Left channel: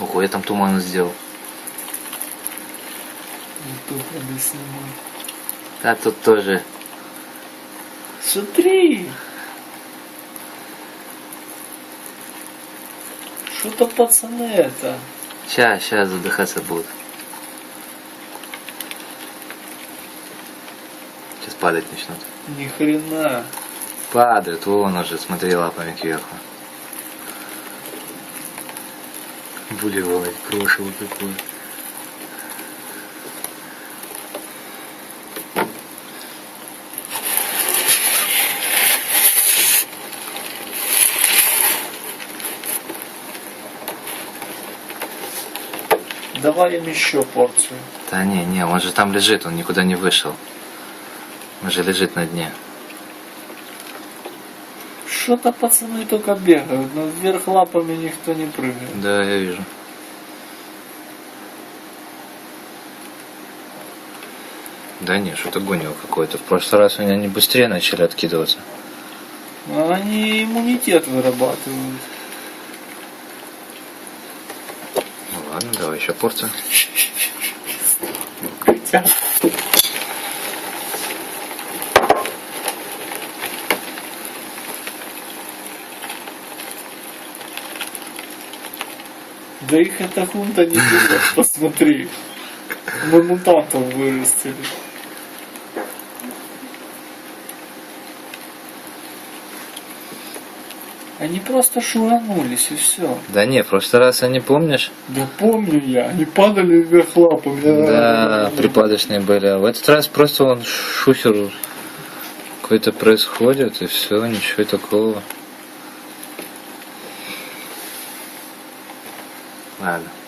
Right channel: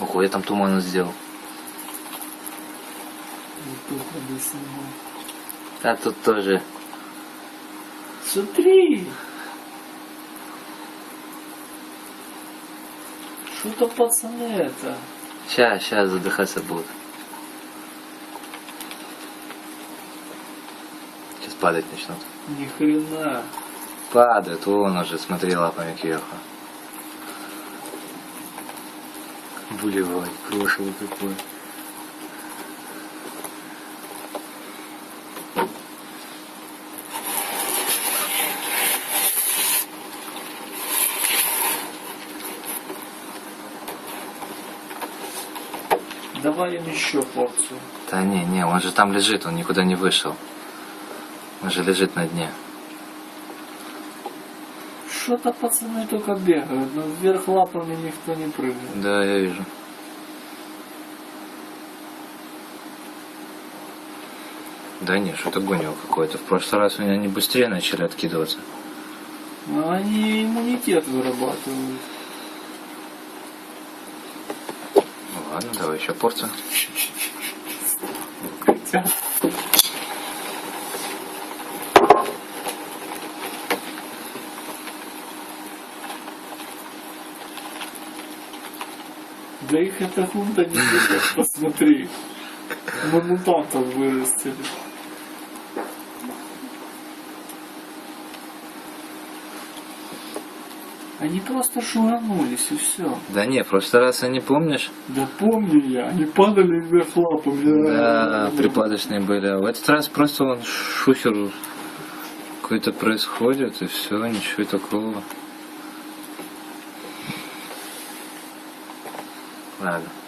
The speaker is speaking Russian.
Ого, я там туман сделал. Да тут тоже. Смотри! Что-то пацаны это. Сейчас, сейчас задыхаться будут. Сейчас падать начнут. Ни хрена. Падают, вон уже, смотри, лапами кверху. Булевой, крошево какое. Давай им еще порцию. Да не, не, он же там лежит, он никуда не вышел. Он же лежит на дне. Что-то пацаны только бегают, но вверх лапами никто не прыгает. Да, я вижу. Да не, что-то гонил какое-то. В прошлый раз у меня они быстрее начали откидываться. А Они иммунитет вырабатывают. Ну ладно, давай еще порцию. Хотя... Да их фунта не берет, посмотри. Мы мутантов вырастили. Они просто шуганулись и все. Да не, в прошлый раз они, помнишь? Да помню я, они падали вверх лапами. Да, припадочные были. А в этот раз просто он шухер какой-то происходит, и все, ничего такого. Nada.